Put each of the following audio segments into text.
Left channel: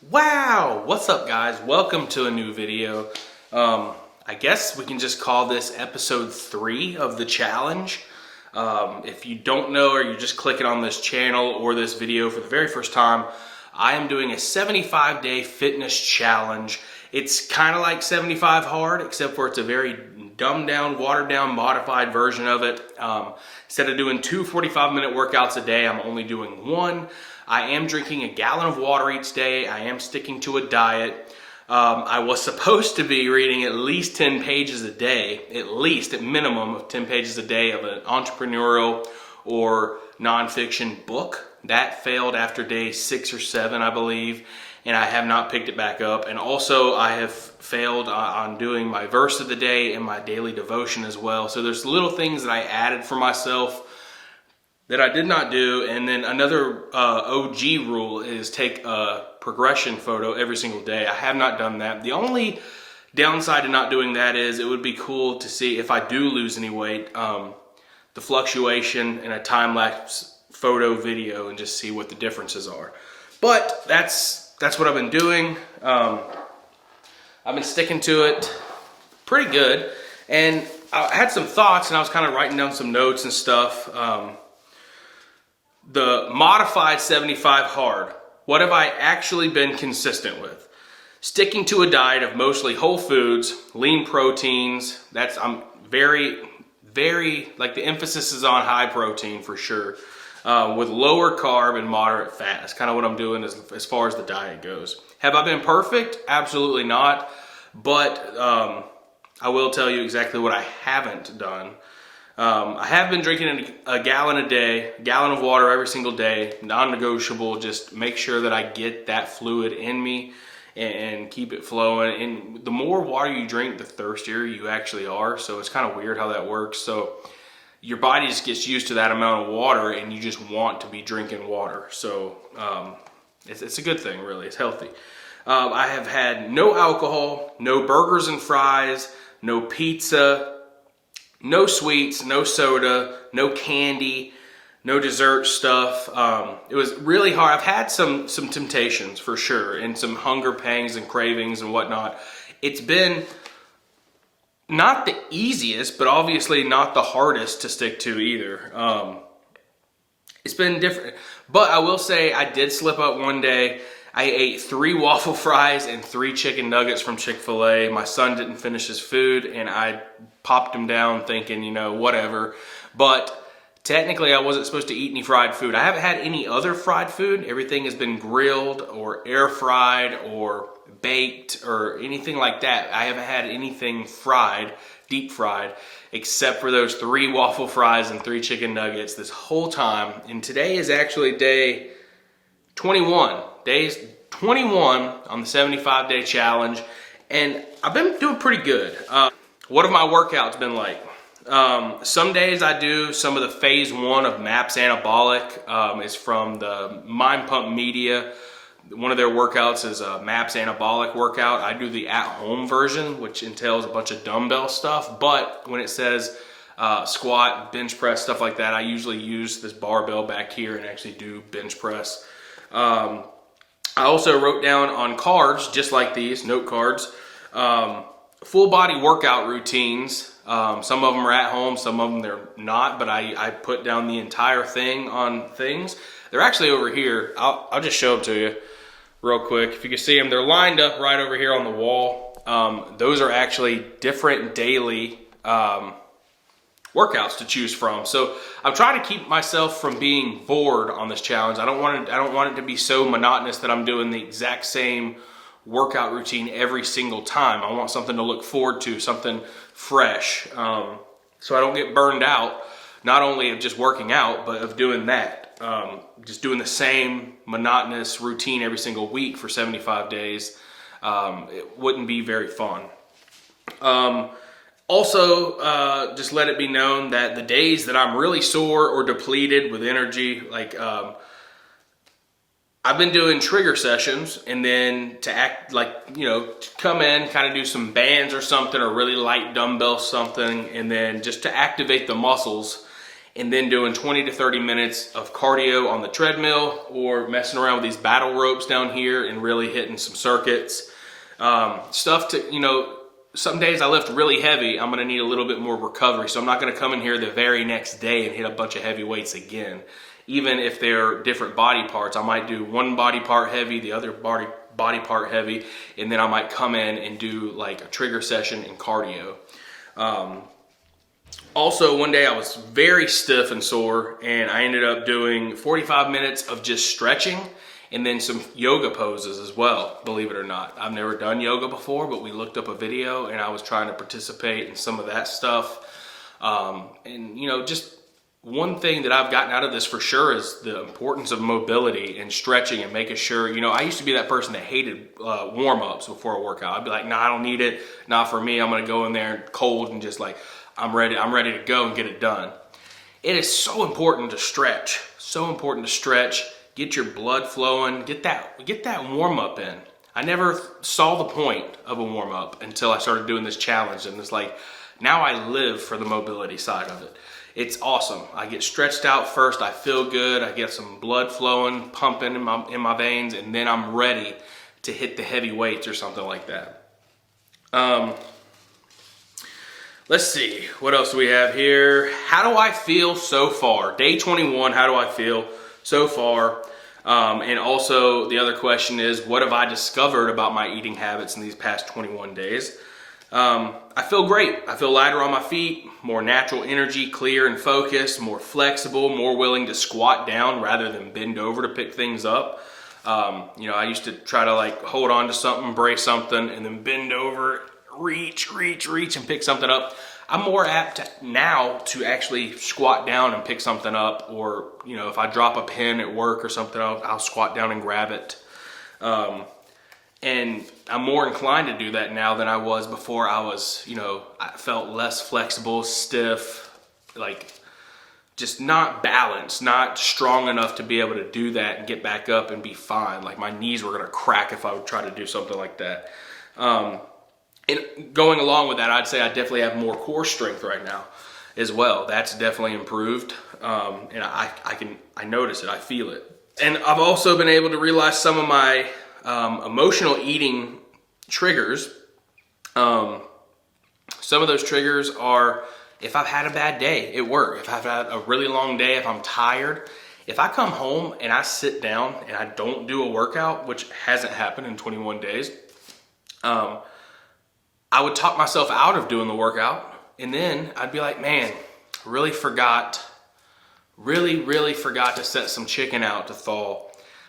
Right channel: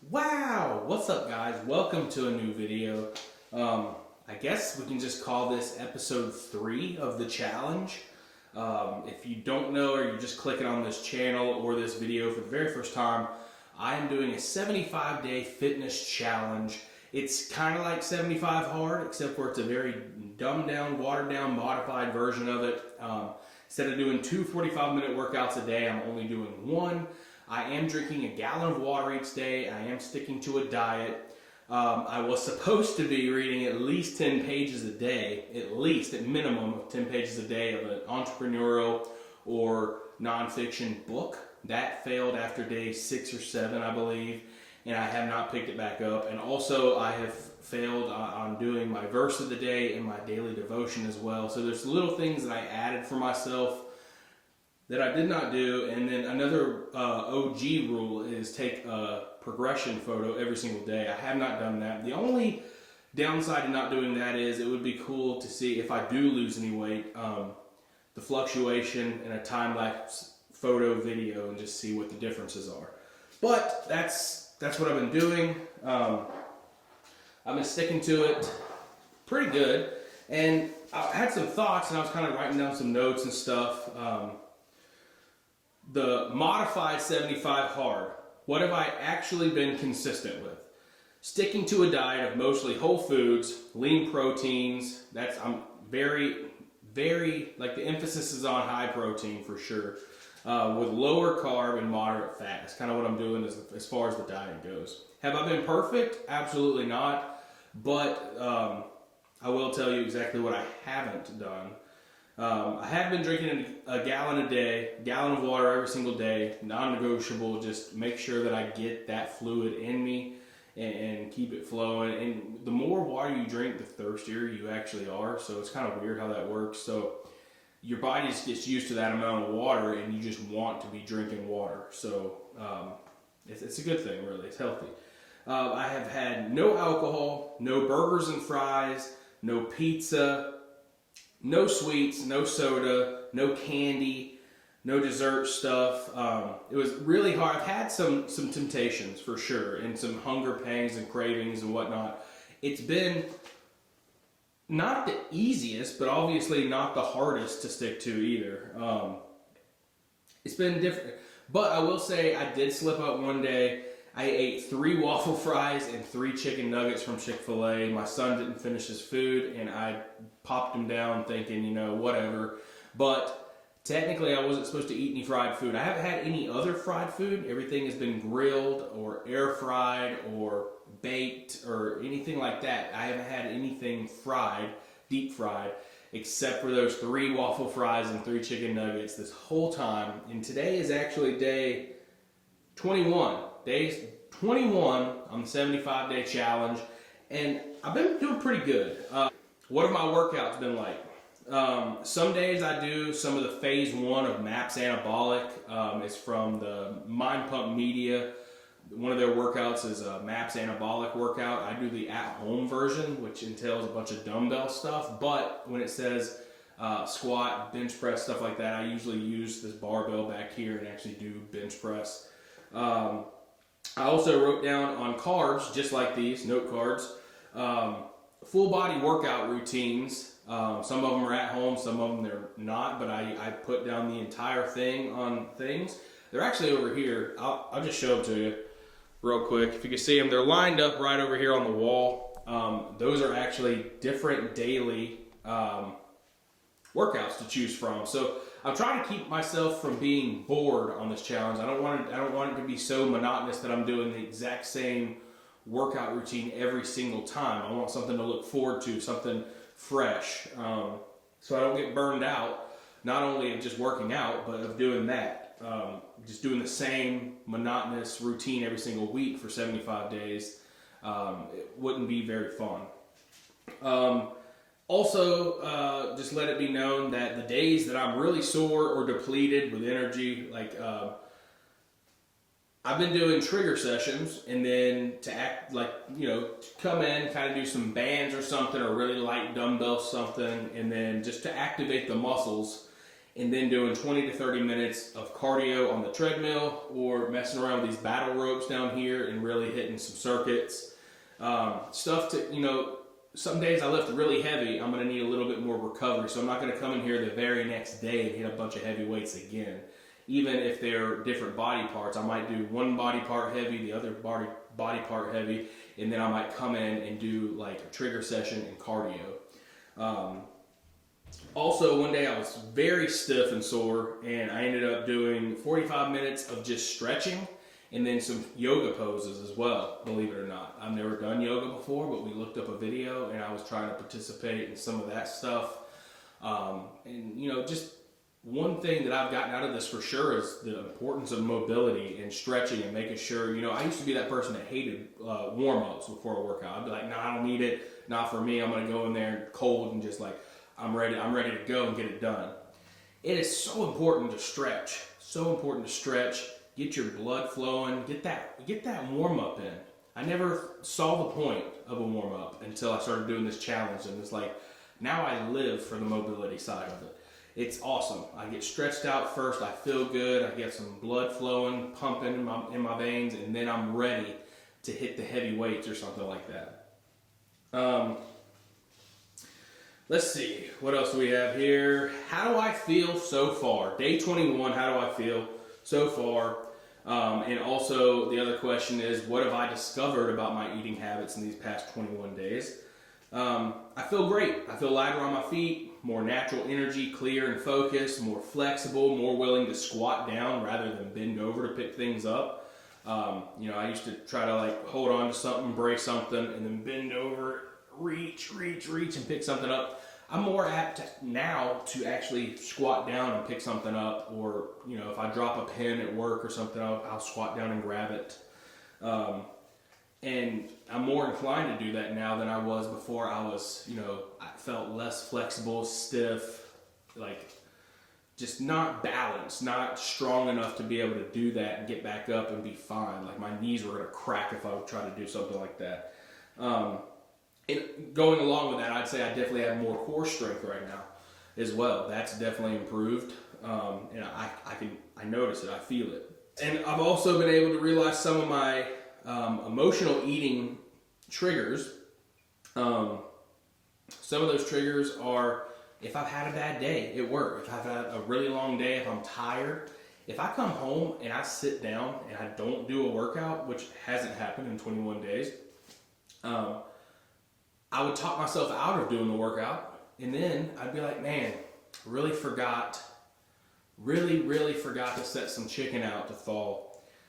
Wow, what's up guys? Welcome to a new video. I guess we can just call this episode 3 of the challenge. If you don't know or you're just clicking on this channel or this video for the very first time, I am doing a 75-day fitness challenge. It's kind of like 75 hard, except for it's a very dumbed down, watered down, modified version of it. Instead of doing 2 45-minute workouts a day, I'm only doing one. I am drinking a gallon of water each day. I am sticking to a diet. I was supposed to be reading at least 10 pages a day, at minimum of 10 pages a day of an entrepreneurial or nonfiction book. That failed after day 6 or 7, I believe, and I have not picked it back up. And also I have failed on doing my verse of the day and my daily devotion as well. So there's little things that I added for myself that I did not do. And then another OG rule is take a progression photo every single day. I have not done that. The only downside to not doing that is it would be cool to see if I do lose any weight, the fluctuation in a time-lapse photo video, and just see what the differences are. But that's what I've been doing. I've been sticking to it pretty good. And I had some thoughts and I was kind of writing down some notes and stuff. The modified 75 hard, what have I actually been consistent with? Sticking to a diet of mostly whole foods, lean proteins. I'm very, like the emphasis is on high protein for sure, with lower carb and moderate fat. That's kind of what I'm doing as far as the diet goes. Have I been perfect? Absolutely not. But I will tell you exactly what I haven't done. I have been drinking a gallon a day, gallon of water every single day, non-negotiable. Just make sure that I get that fluid in me and keep it flowing. And the more water you drink, the thirstier you actually are. So it's kind of weird how that works. So your body just gets used to that amount of water and you just want to be drinking water. So it's a good thing, really. It's healthy. I have had no alcohol, no burgers and fries, no pizza, no sweets, no soda, no candy, no dessert stuff. It was really hard. I've had some temptations for sure, and some hunger pangs and cravings and whatnot. It's been not the easiest, but obviously not the hardest to stick to either. It's been different, but I will say I did slip up one day. I ate 3 waffle fries and 3 chicken nuggets from Chick-fil-A. My son didn't finish his food and I popped him down thinking, whatever. But technically I wasn't supposed to eat any fried food. I haven't had any other fried food. Everything has been grilled or air fried or baked or anything like that. I haven't had anything fried, deep fried, except for those 3 waffle fries and 3 chicken nuggets this whole time. And today is actually day 21. Days 21 on the 75-day challenge, and I've been doing pretty good. What have my workouts been like? Some days I do some of the phase 1 of MAPS Anabolic. It's from the Mind Pump Media. One of their workouts is a MAPS Anabolic workout. I do the at-home version, which entails a bunch of dumbbell stuff, but when it says squat, bench press, stuff like that, I usually use this barbell back here and actually do bench press. I also wrote down on cards, just like these, note cards, full body workout routines. Some of them are at home, some of them they're not, but I put down the entire thing on things. They're actually over here. I'll just show them to you real quick. If you can see them, they're lined up right over here on the wall. Those are actually different daily workouts to choose from. So I'm trying to keep myself from being bored on this challenge. I don't want it to be so monotonous that I'm doing the exact same workout routine every single time. I want something to look forward to, something fresh, so I don't get burned out, not only of just working out, but of doing that. Just doing the same monotonous routine every single week for 75 days, it wouldn't be very fun. Also, just let it be known that the days that I'm really sore or depleted with energy, like I've been doing trigger sessions, and then to act like, to come in, kind of do some bands or something, or really light dumbbell something, and then just to activate the muscles. and then doing 20 to 30 minutes of cardio on the treadmill or messing around with these battle ropes down here and really hitting some circuits. Stuff to, you know, some days I lift really heavy, I'm gonna need a little bit more recovery. So I'm not gonna come in here the very next day and hit a bunch of heavy weights again. Even if they're different body parts, I might do one body part heavy, the other body part heavy, and then I might come in and do like a trigger session and cardio. Also, one day I was very stiff and sore, and I ended up doing 45 minutes of just stretching and then some yoga poses as well, believe it or not. I've never done yoga before, but we looked up a video and I was trying to participate in some of that stuff. And you know, just one thing that I've gotten out of this for sure is the importance of mobility and stretching and making sure, you know, I used to be that person that hated warm-ups before a workout. I'd be like, nah, I don't need it, not for me. I'm gonna go in there cold and just like, I'm ready to go and get it done. It is so important to stretch, so important to stretch. Get your blood flowing, get that warm up in. I never saw the point of a warm up until I started doing this challenge, and it's like, now I live for the mobility side of it. It's awesome. I get stretched out first, I feel good, I get some blood flowing, pumping in my veins, and then I'm ready to hit the heavy weights or something like that. Let's see, what else do we have here? How do I feel so far? Day 21, how do I feel so far? And also the other question is, what have I discovered about my eating habits in these past 21 days? I feel great. I feel lighter on my feet, more natural energy, clear and focused, more flexible, more willing to squat down rather than bend over to pick things up. You know, I used to try to like hold on to something, brace something, and then bend over, reach, and pick something up. I'm more apt now to actually squat down and pick something up, or, you know, if I drop a pen at work or something, I'll squat down and grab it. And I'm more inclined to do that now than I was before. I felt less flexible, stiff, like just not balanced, not strong enough to be able to do that and get back up and be fine. Like my knees were gonna crack if I would try to do something like that. And going along with that, I'd say I definitely have more core strength right now as well. That's definitely improved. And I notice it, I feel it. And I've also been able to realize some of my emotional eating triggers. Some of those triggers are if I've had a bad day at work, if I've had a really long day, if I'm tired. If I come home and I sit down and I don't do a workout, which hasn't happened in 21 days, I would talk myself out of doing the workout, and then I'd be like, man, really forgot to set some chicken out to thaw.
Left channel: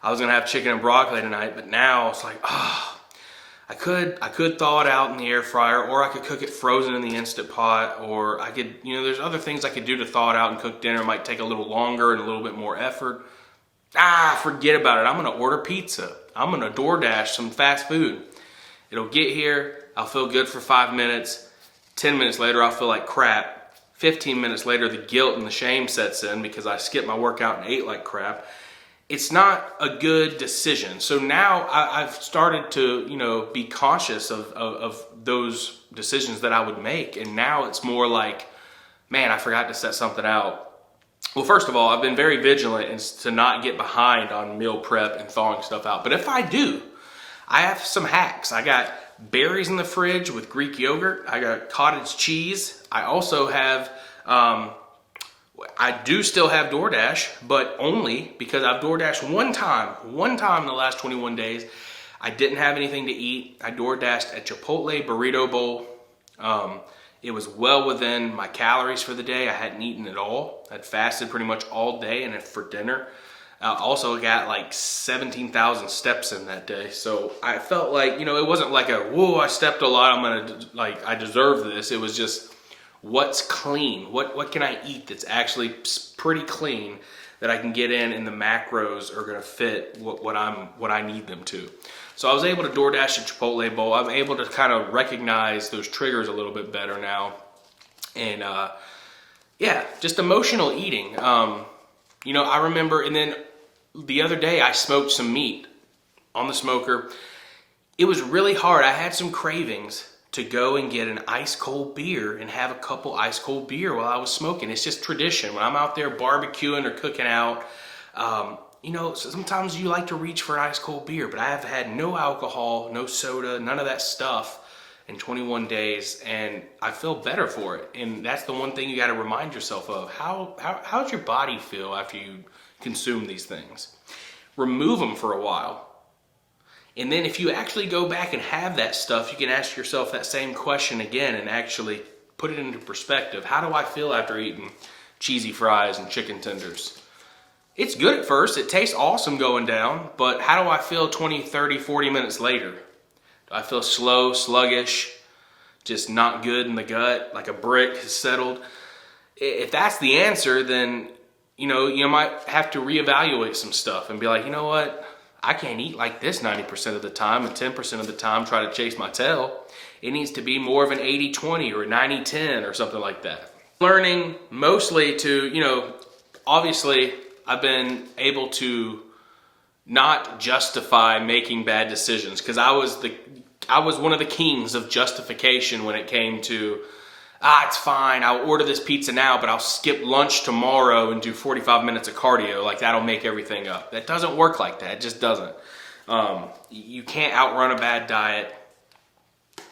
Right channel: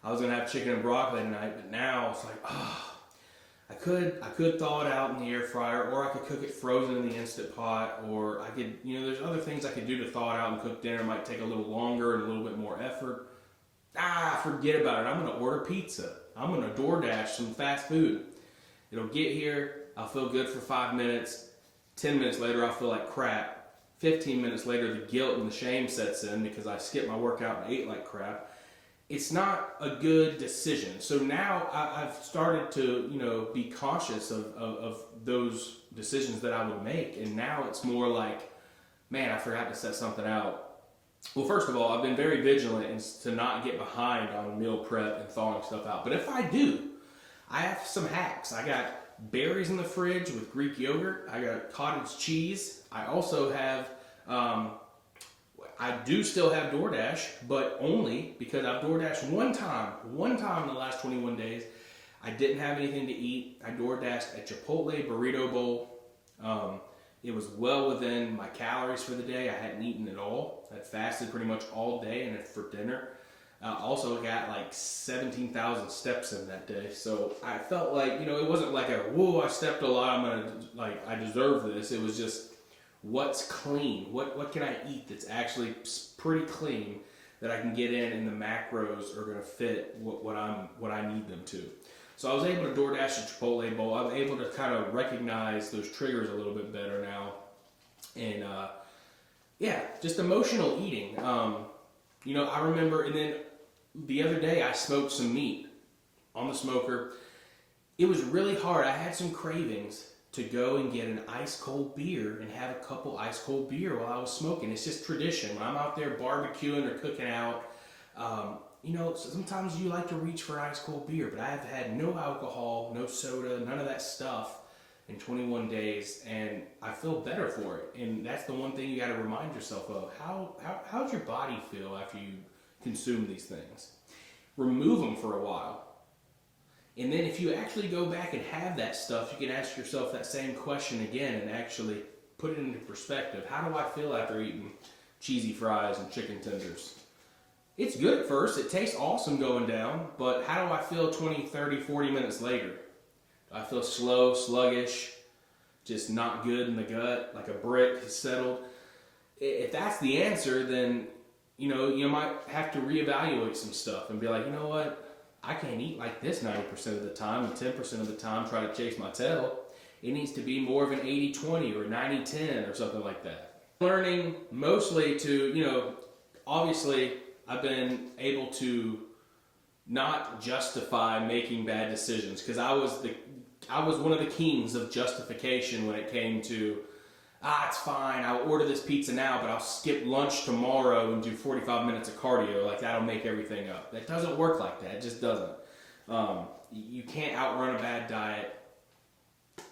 I was gonna have chicken and broccoli tonight, but now it's like, I could thaw it out in the air fryer, or I could cook it frozen in the Instant Pot, or I could, you know, there's other things I could do to thaw it out and cook dinner. It might take a little longer and a little bit more effort. Forget about it. I'm gonna order pizza. I'm gonna DoorDash some fast food. It'll get here, I'll feel good for 5 minutes. 10 minutes later, I'll feel like crap. 15 minutes later, the guilt and the shame sets in because I skipped my workout and ate like crap. It's not a good decision. So now I've started to, you know, be conscious of those decisions that I would make. And now it's more like, man, I forgot to set something out. Well, first of all, I've been very vigilant to not get behind on meal prep and thawing stuff out. But if I do, I have some hacks. I got berries in the fridge with Greek yogurt. I got cottage cheese. I also have, I do still have DoorDash, but only because I've DoorDashed one time in the last 21 days. I didn't have anything to eat. I DoorDashed a Chipotle burrito bowl. It was well within my calories for the day. I hadn't eaten at all. I'd fasted pretty much all day, and then for dinner, also got like 17,000 steps in that day. So I felt like, you know, it wasn't like whoa, I stepped a lot, I deserve this. It was just, what's clean? What can I eat that's actually pretty clean that I can get in, and the macros are gonna fit what I need them to. So I was able to DoorDash a Chipotle bowl. I'm able to kind of recognize those triggers a little bit better now. And yeah, just emotional eating. You know, I remember, and then the other day I smoked some meat on the smoker. It was really hard. I had some cravings to go and get an ice cold beer and have a couple ice cold beer while I was smoking. It's just tradition. When I'm out there barbecuing or cooking out, you know, sometimes you like to reach for an ice cold beer, but I have had no alcohol, no soda, none of that stuff in 21 days, and I feel better for it. And that's the one thing you got to remind yourself of. How's your body feel after you consume these things? Remove them for a while. And then if you actually go back and have that stuff, you can ask yourself that same question again and actually put it into perspective. How do I feel after eating cheesy fries and chicken tenders? It's good at first. It tastes awesome going down, but how do I feel 20, 30, 40 minutes later? Do I feel slow, sluggish, just not good in the gut, like a brick has settled? If that's the answer, then you know, you might have to reevaluate some stuff and be like, you know what? I can't eat like this 90% of the time and 10% of the time try to chase my tail. It needs to be more of an 80-20 or a 90-10 or something like that. Learning mostly to, you know, obviously I've been able to not justify making bad decisions because I was one of the kings of justification when it came to, it's fine, I'll order this pizza now, but I'll skip lunch tomorrow and do 45 minutes of cardio. Like, that'll make everything up. That doesn't work like that. It just doesn't. You can't outrun a bad diet,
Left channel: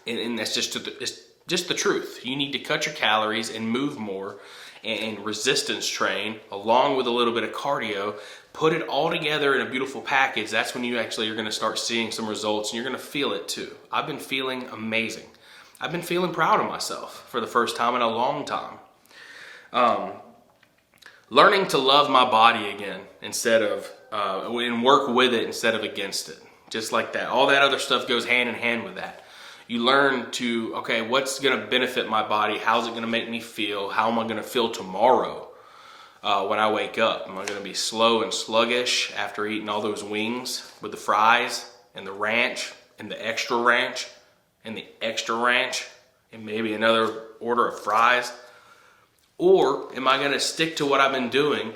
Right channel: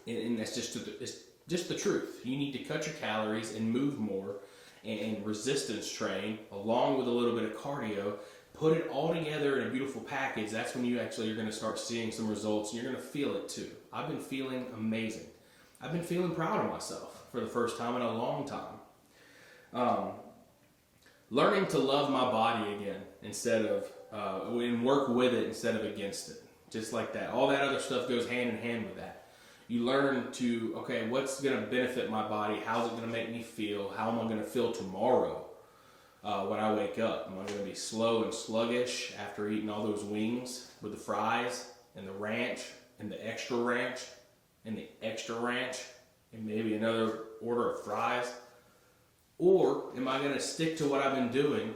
and that's just the truth. You need to cut your calories and move more and resistance train along with a little bit of cardio. Put it all together in a beautiful package. That's when you actually are going to start seeing some results, and you're going to feel it too. I've been feeling amazing. I've been feeling proud of myself for the first time in a long time. Learning to love my body again instead of, and work with it instead of against it. Just like that. All that other stuff goes hand in hand with that. You learn to, okay, what's going to benefit my body? How's it going to make me feel? How am I going to feel tomorrow when I wake up? Am I going to be slow and sluggish after eating all those wings with the fries and the ranch and the extra ranch? And the extra ranch, and maybe another order of fries? Or am I gonna stick to what I've been doing,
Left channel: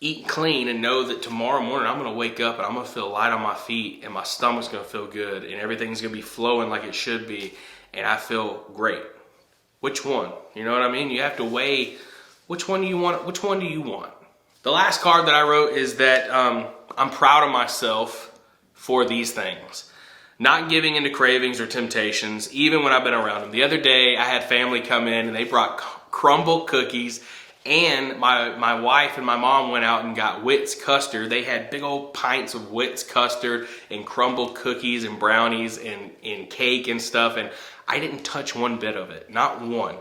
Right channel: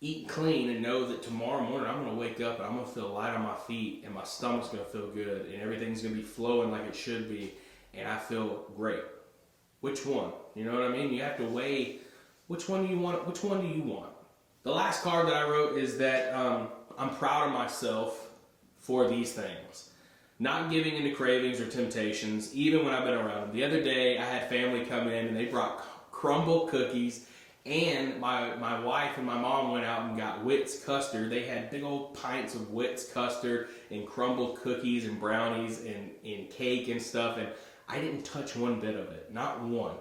eat clean, and know that tomorrow morning I'm gonna wake up and I'm gonna feel light on my feet, and my stomach's gonna feel good, and everything's gonna be flowing like it should be, and I feel great? Which one? You know what I mean? You have to weigh which one do you want. Which one do you want? The last card that I wrote is that I'm proud of myself for these things. Not giving into cravings or temptations, even when I've been around them. The other day, I had family come in and they brought crumble cookies, and my wife and my mom went out and got Wits custard. They had big old pints of Wits custard and crumble cookies and brownies and cake and stuff, and I didn't touch one bit of it, not one.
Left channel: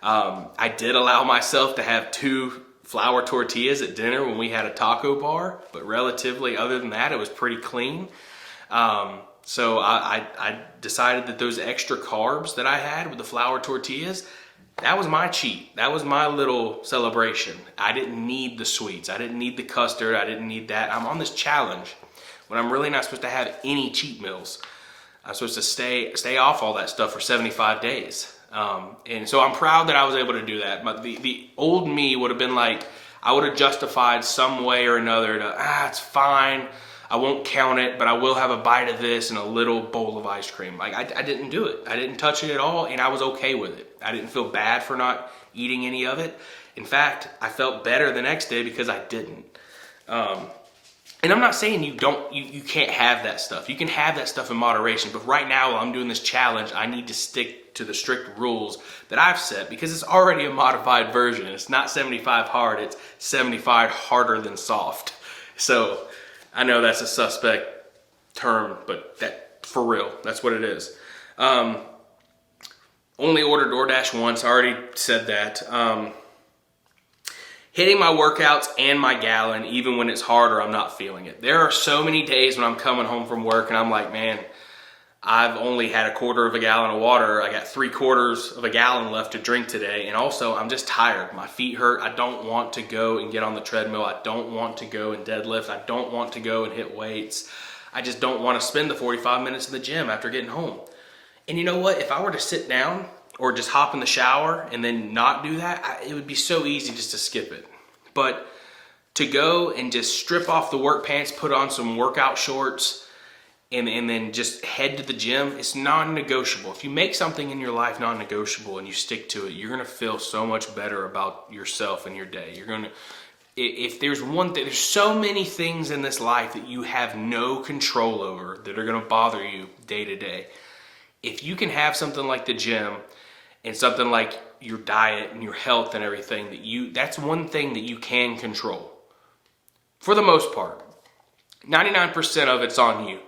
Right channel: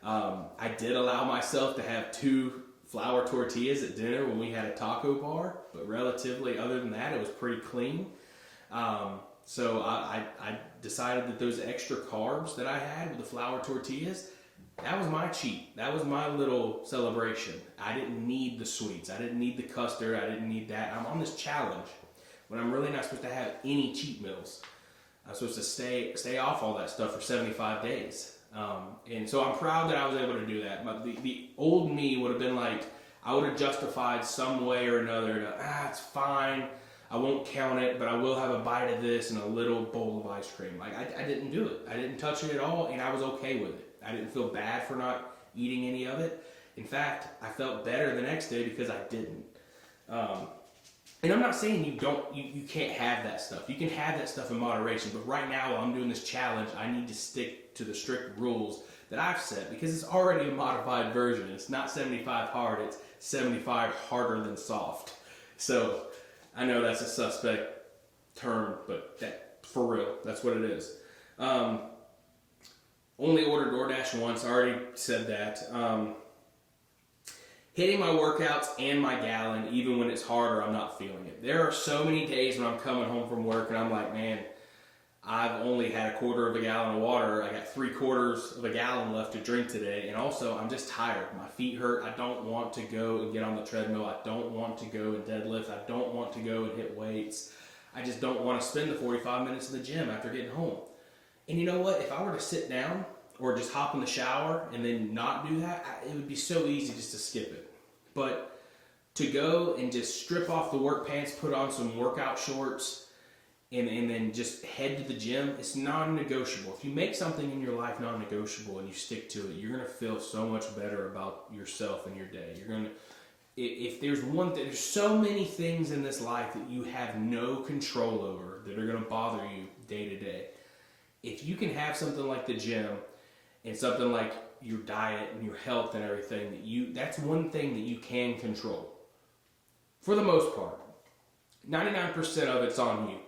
I did allow myself to have 2 flour tortillas at dinner when we had a taco bar, but relatively, other than that, it was pretty clean. So I decided that those extra carbs that I had with the flour tortillas, that was my cheat. That was my little celebration. I didn't need the sweets. I didn't need the custard. I didn't need that. I'm on this challenge when I'm really not supposed to have any cheat meals. I'm supposed to stay off all that stuff for 75 days. And so I'm proud that I was able to do that. But the old me would have been like, I would have justified some way or another to, it's fine. I won't count it, but I will have a bite of this and a little bowl of ice cream. Like, I didn't do it. I didn't touch it at all, and I was okay with it. I didn't feel bad for not eating any of it. In fact, I felt better the next day because I didn't. And I'm not saying you can't have that stuff. You can have that stuff in moderation, but right now while I'm doing this challenge, I need to stick to the strict rules that I've set because it's already a modified version. It's not 75 hard, it's 75 harder than soft. So I know that's a suspect term, but that for real, that's what it is. Only ordered DoorDash once, I already said that. Hitting my workouts and my gallon, even when it's harder, I'm not feeling it. There are so many days when I'm coming home from work and I'm like, man, I've only had 1/4 of a gallon of water. I got 3/4 of a gallon left to drink today. And also, I'm just tired. My feet hurt. I don't want to go and get on the treadmill. I don't want to go and deadlift. I don't want to go and hit weights. I just don't want to spend the 45 minutes in the gym after getting home. And you know what? If I were to sit down or just hop in the shower and then not do that, it would be so easy just to skip it. But to go and just strip off the work pants, put on some workout shorts, and then just head to the gym, it's non-negotiable. If you make something in your life non-negotiable and you stick to it, you're gonna feel so much better about yourself and your day. You're gonna, if there's one thing, there's so many things in this life that you have no control over that are gonna bother you day to day. If you can have something like the gym and something like your diet and your health and everything, that's one thing that you can control. For the most part, 99% of it's on you.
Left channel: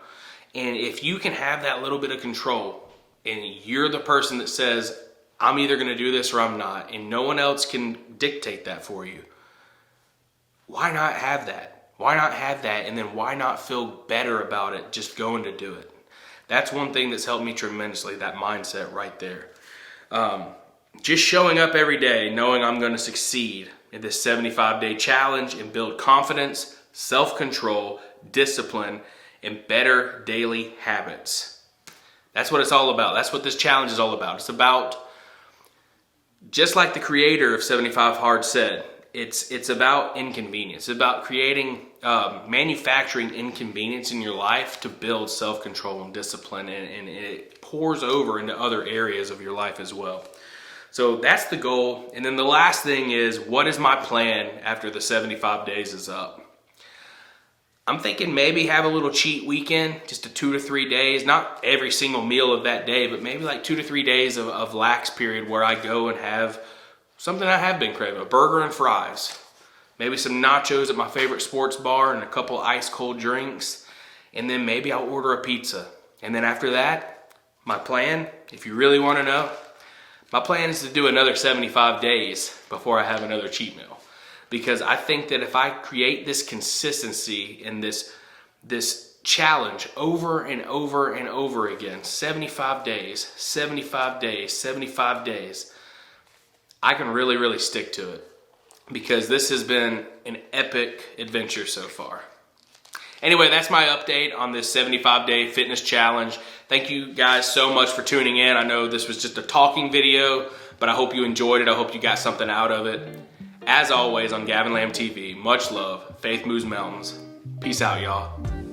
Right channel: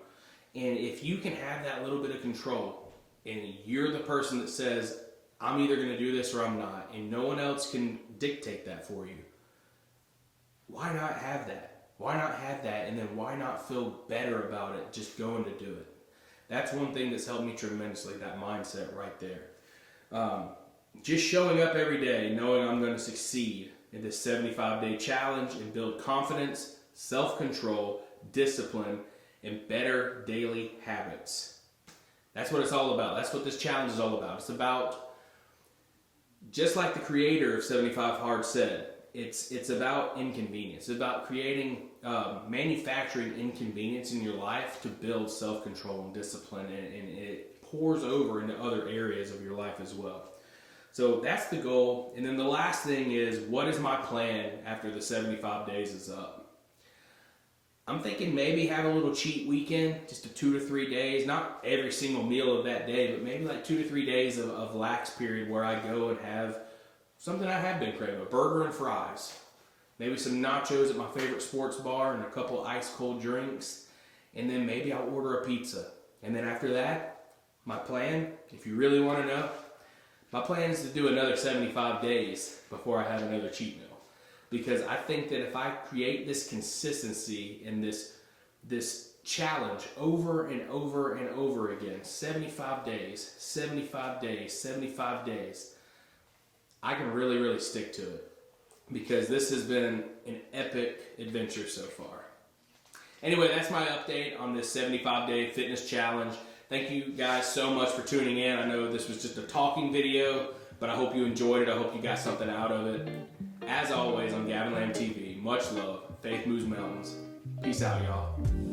And if you can have that little bit of control and you're the person that says, I'm either going to do this or I'm not, and no one else can dictate that for you, why not have that? Why not have that? And then why not feel better about it just going to do it? That's one thing that's helped me tremendously, that mindset right there. Just showing up every day, knowing I'm going to succeed in this 75-day challenge and build confidence, self-control, discipline, and better daily habits. That's what it's all about. That's what this challenge is all about. It's about, just like the creator of 75 Hard said, it's about inconvenience. It's about creating, manufacturing inconvenience in your life to build self-control and discipline, and it pours over into other areas of your life as well. So that's the goal. And then the last thing is, what is my plan after the 75 days is up? I'm thinking maybe have a little cheat weekend, just a 2 to 3 days, not every single meal of that day, but maybe like 2 to 3 days of lax period where I go and have something I have been craving, a burger and fries, maybe some nachos at my favorite sports bar and a couple ice cold drinks, and then maybe I'll order a pizza. And then after that, my plan, if you really want to know, my plan is to do another 75 days before I have another cheat meal. Because I think that if I create this consistency and this challenge over and over and over again, 75 days, 75 days, 75 days, I can really, really stick to it. Because this has been an epic adventure so far. Anyway, that's my update on this 75-day fitness challenge. Thank you guys so much for tuning in. I know this was just a talking video, but I hope you enjoyed it. I hope you got something out of it. As always on Gavin Lamb TV, much love, faith moves mountains. Peace out, y'all.